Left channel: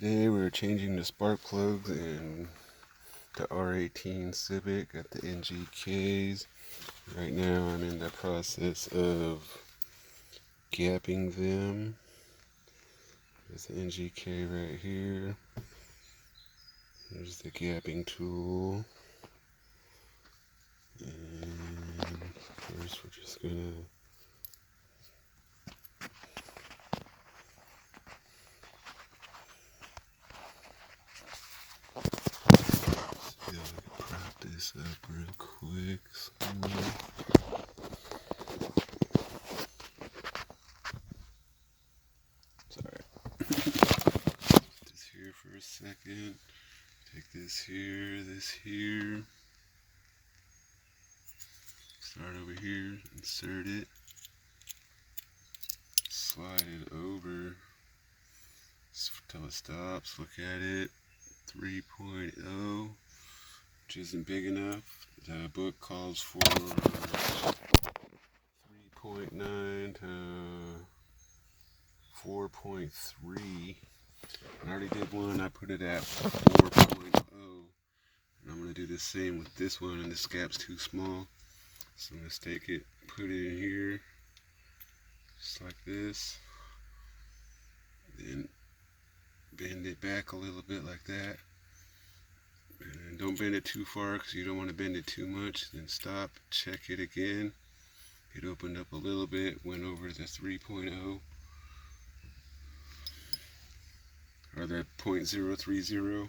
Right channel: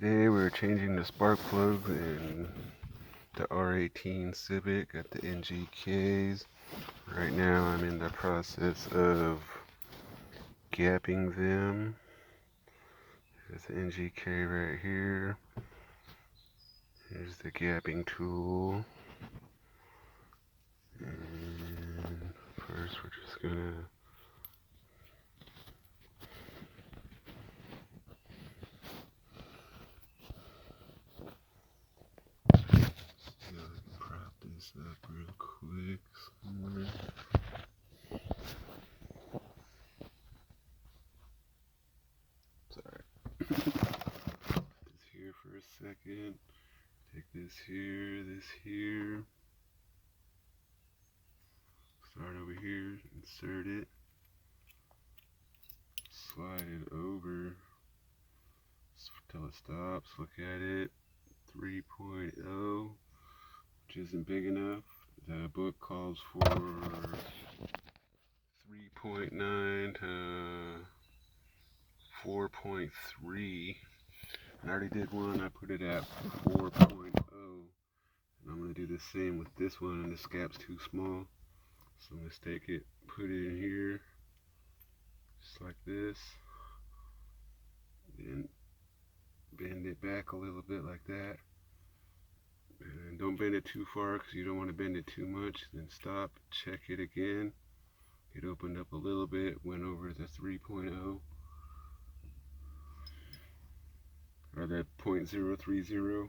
Today we're changing the spark plugs in the R18 Civic at the NGKs. Right now I'm in the process of gapping them. There's the NGK right here. Here's the gapping tool. And first we're just gonna prop this up real quick. Sorry. Put this here for a second. Take this here, start over here, insert it, slide it over until it stops. Look at it, 3.0, which isn't big enough. The book calls for 3.9 to 4.3. I already did one, I put it at 4.0. And I'm going to do the same with this one, and this gap's too small. So I'm going to take it, put it in here, just like this. Then bend it back a little bit like that. And don't bend it too far because you don't want to bend it too much. Then stop, check it again. It opened up a little bit, went over the 3.0. Or the 0.030.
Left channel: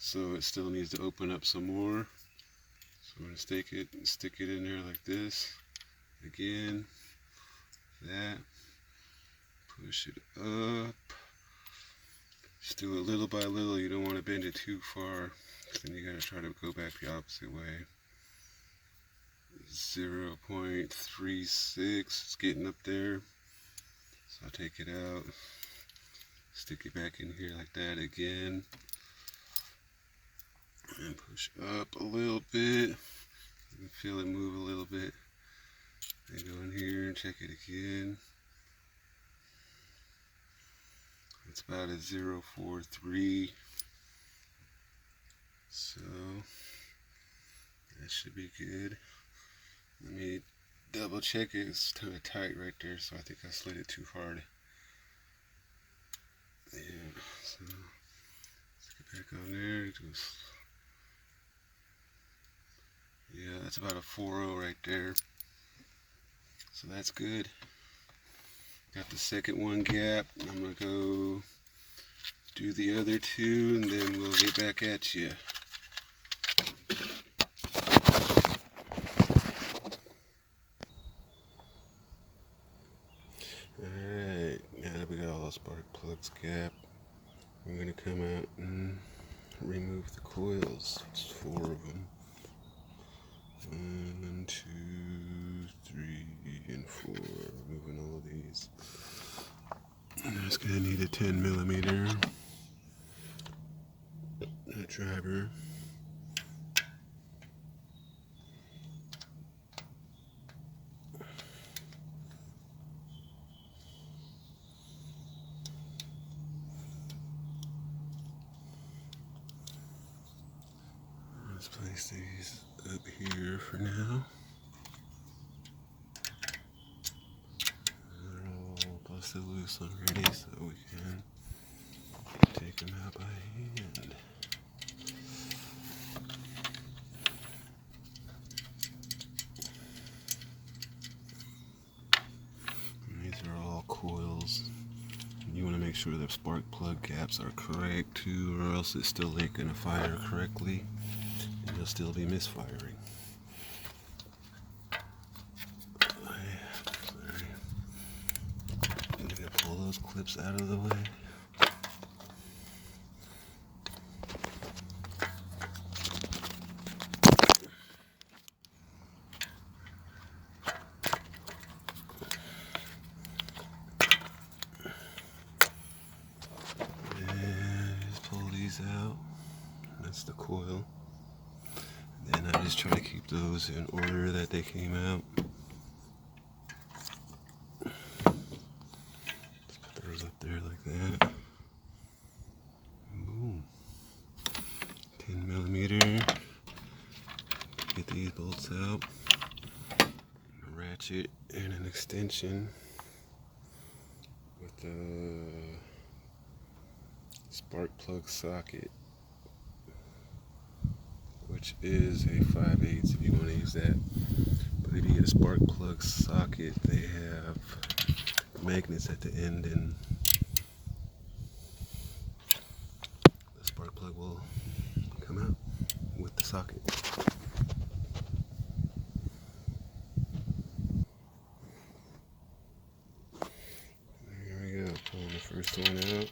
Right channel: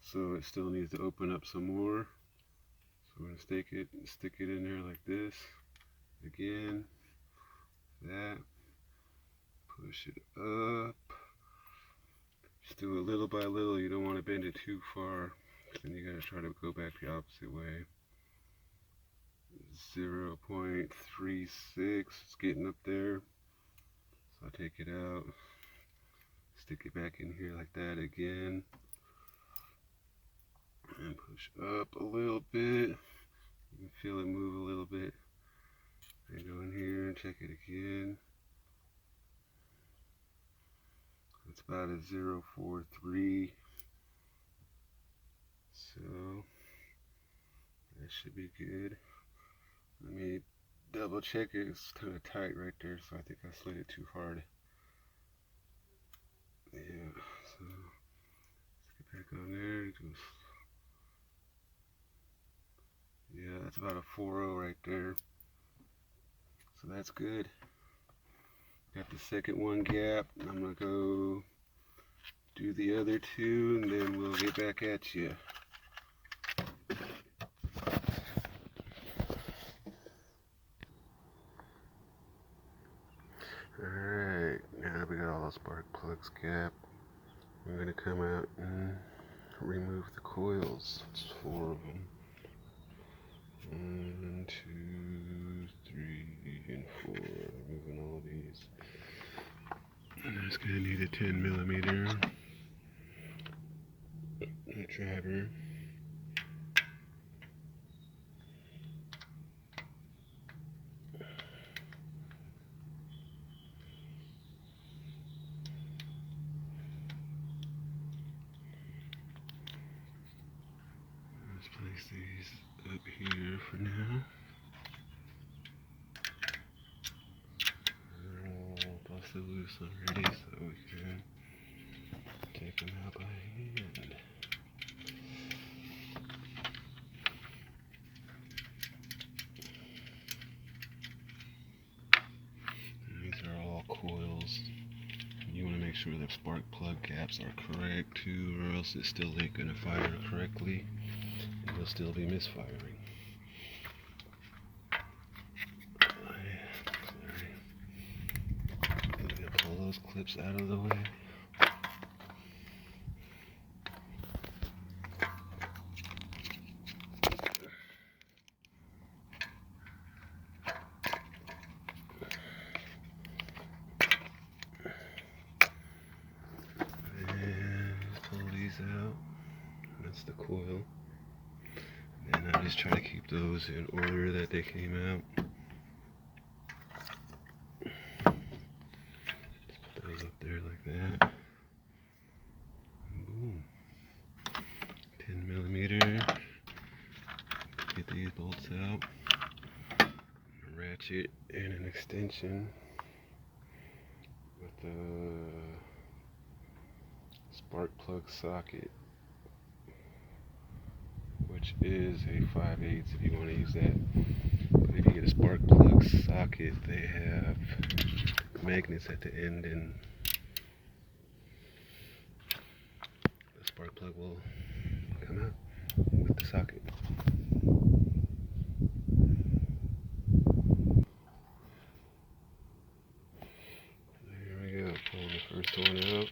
So it still needs to open up some more. So we're going to stick it in there like this. Again, that. Push it up. Just do it little by little. You don't want to bend it too far. Then you got to try to go back the opposite way. 0.36. It's getting up there. So I'll take it out. Stick it back in here like that again. And push up a little bit. You can feel it move a little bit. Then go in here and check it again. It's about a 0.43. So that should be good. Let me double check it. It's kind of tight right there, so I think I slid it too hard. Yeah, so let's get back on there. Yeah, that's about a 4.0 right there. So that's good. Got the second one gap. I'm going to go do the other two, and then we'll get back at you. Alright, now that we got all those spark plugs gapped, I'm going to come out and remove the coils. It's 4 of them. 1, 2, 3, and 4. Removing all these. I'm just going to need a 10mm driver. Let's place these up here for now. They're all busted loose already, so we can take them out by hand. And these are all coils. You want to make sure the spark plug caps are correct too, or else it still ain't going to fire correctly. You'll still be misfiring. Sorry. I'm gonna pull those clips out of the way. And just pull these out. That's the coil. And I just try to keep those in order that they came out. Just put those up there like that. ratchet and an extension with the spark plug socket, which is a 5/8 if you want to use that. But if you get a spark plug socket, they have magnets at the end, and the spark plug will come out with the socket. There we go, pulling the first one out.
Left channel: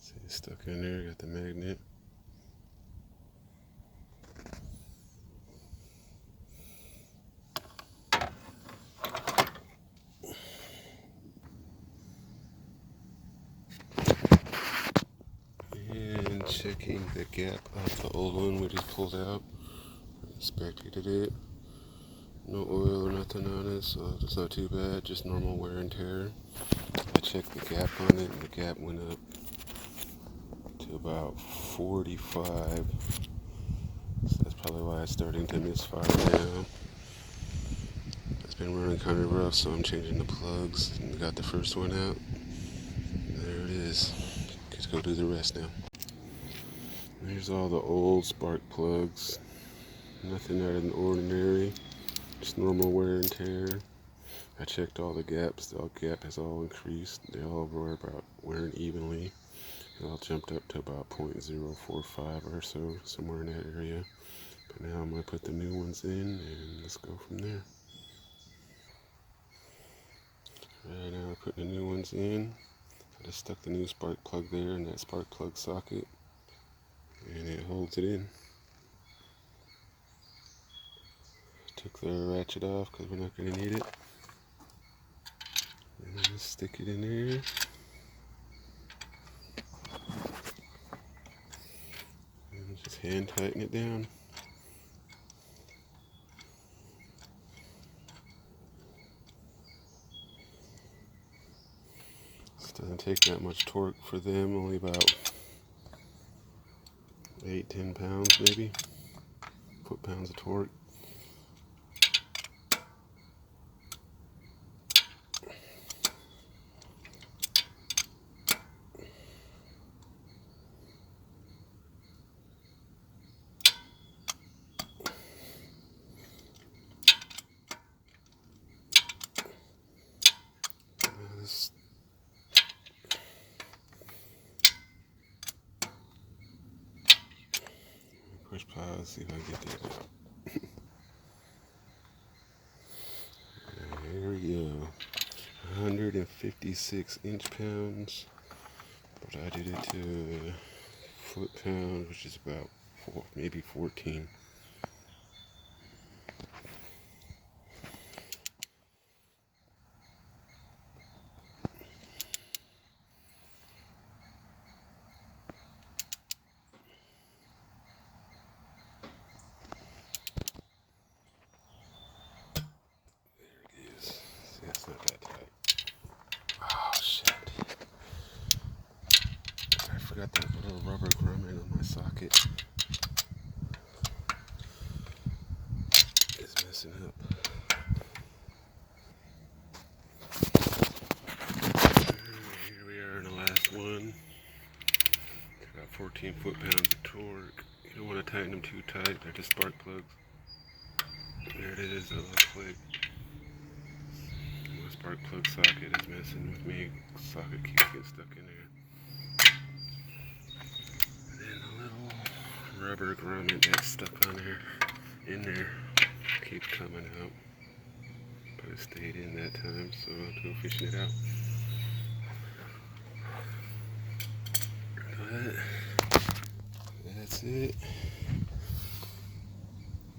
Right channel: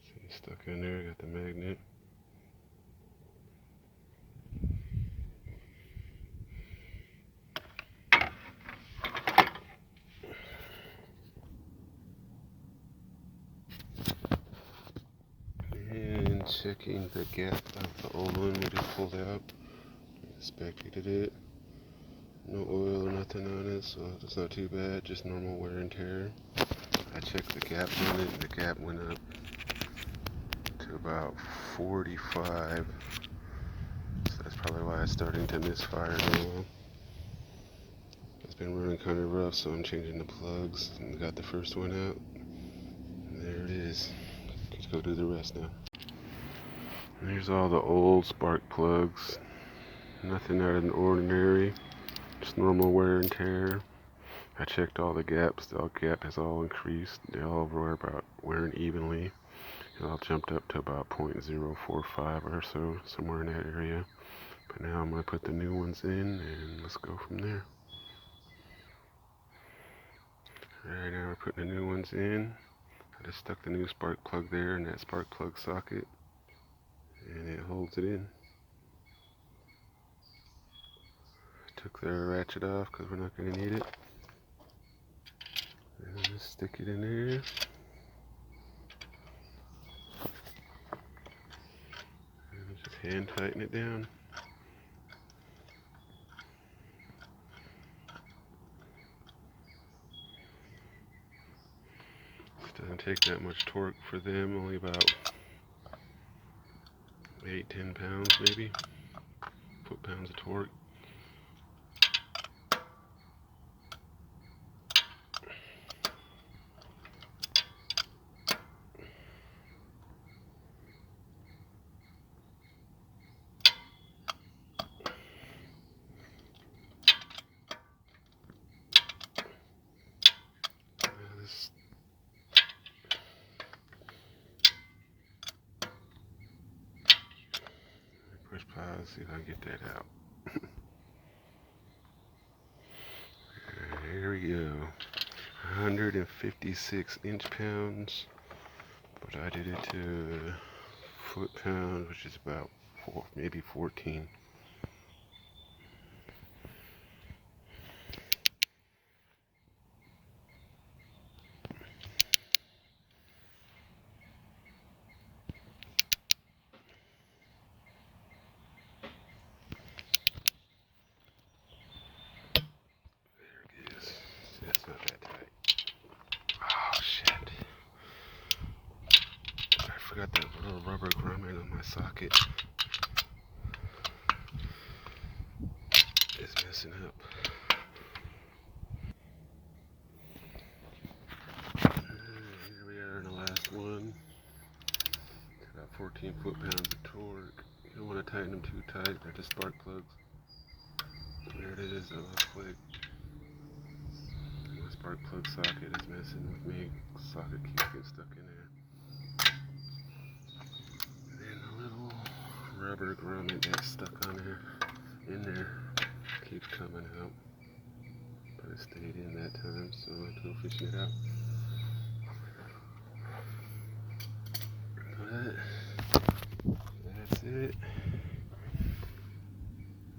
See, it's stuck in there, got the magnet. And checking the gap of the old one we just pulled out. Inspected it. No oil or nothing on it, so it's not too bad, just normal wear and tear. I checked the gap on it, and the gap went up to about 45. So that's probably why it's starting to misfire now. It's been running kind of rough, so I'm changing the plugs. And got the first one out. And there it is. Let's go do the rest now. There's all the old spark plugs. Nothing out of the ordinary. Just normal wear and tear. I checked all the gaps. The gap has all increased. They all were about wearing evenly. It all jumped up to about 0.045 or so, somewhere in that area. But now I'm going to put the new ones in, and let's go from there. Alright, now we're putting the new ones in. I just stuck the new spark plug there in that spark plug socket, and it holds it in. Took the ratchet off because we're not going to need it. And then just stick it in there. And just hand tighten it down. This doesn't take that much torque for them, only about 8-10 pounds maybe. Foot-pounds of torque. Push pause, see if I can get that out. There we go. 156 inch-pounds, but I did it to foot-pounds, which is about maybe 14. That's not that tight. Oh shit. I forgot that little rubber grommet on my socket. It's messing up. Here we are in the last one. It's got 14 foot-pounds of torque. You don't want to tighten them too tight. They're just spark plugs. There it is. That looks quick. My spark plug socket is messing with me. Socket keeps getting stuck in there. And then the little rubber grommet that's stuck on there, in there, keeps coming out. But it stayed in that time, so I'll have to go fishing it out. But that's it.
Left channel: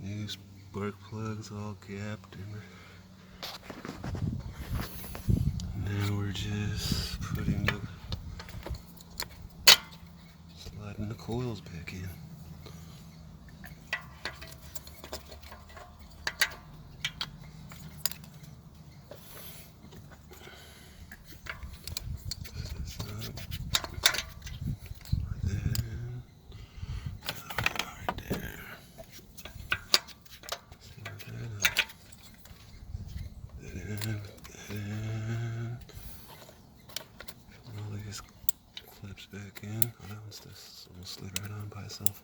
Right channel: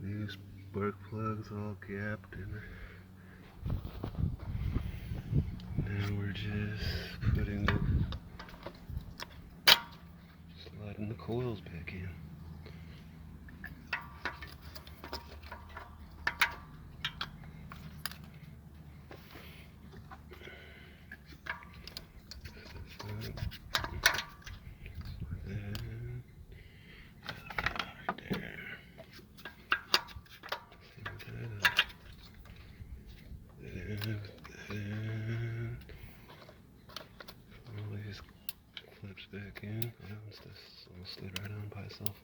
New spark plugs all gapped, and now we're just sliding the coils back in. clips back in. Oh, that one's just almost slid right on by itself.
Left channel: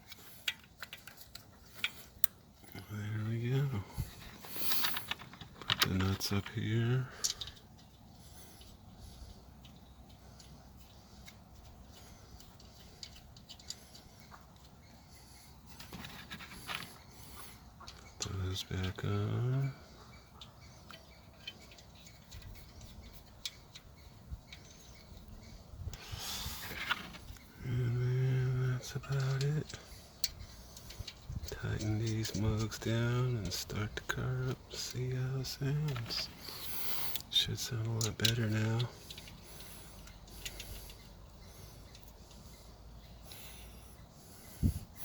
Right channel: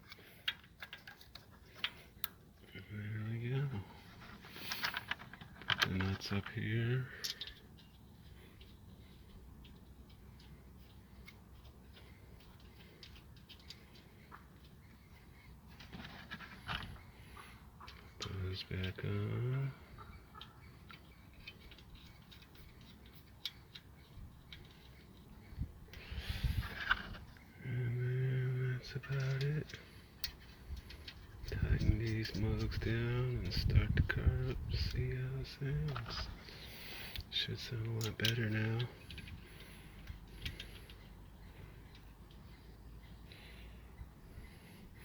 There we go. Put the nuts up here. Put those back on. And then that's about it. Tighten these mugs down and start the car up. See how it sounds. Should sound a lot better now.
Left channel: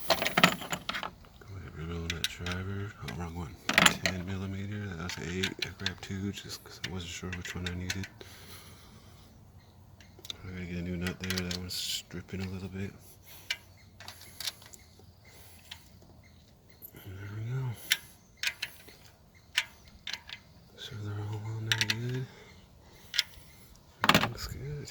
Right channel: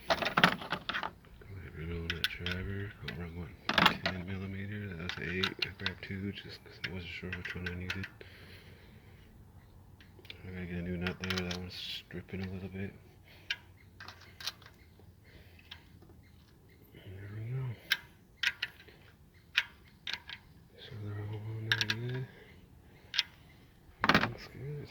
Go ahead and roll that driver. Oh, wrong one. 10mm. That was 8. I grabbed 2 just because I wasn't sure which one I needed. I gotta get a new nut there. That one's stripping a little bit. There we go. So they're all on there good. Looks good.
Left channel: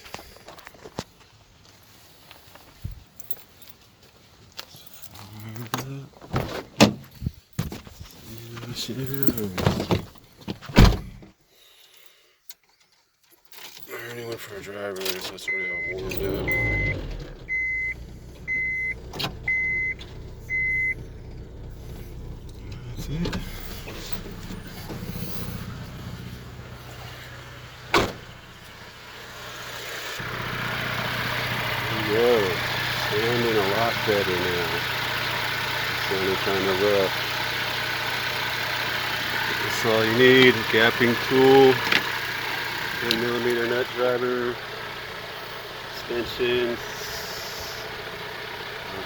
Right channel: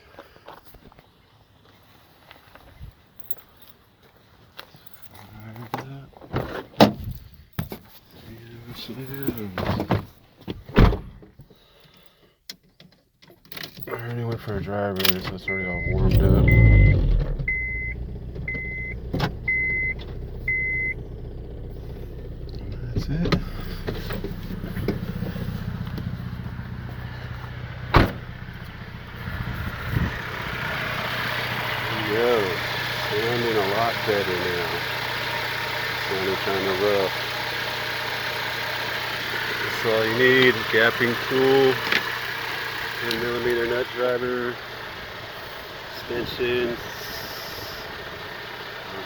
I already went for a driver, so it's already all warmed up. That's it. There you go. Sounding a lot better now. Sounding kind of rough. That's all you need. Gapping tool, 10mm nut driver, suspension,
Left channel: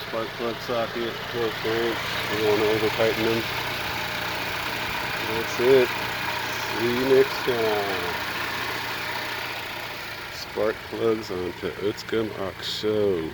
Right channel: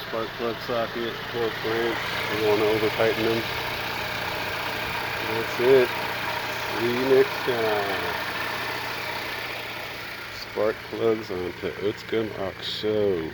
spark plug socket, 12 volt. You don't want to over tighten them. That's it. See you next time. Spark plugs onto Utscum Oxo.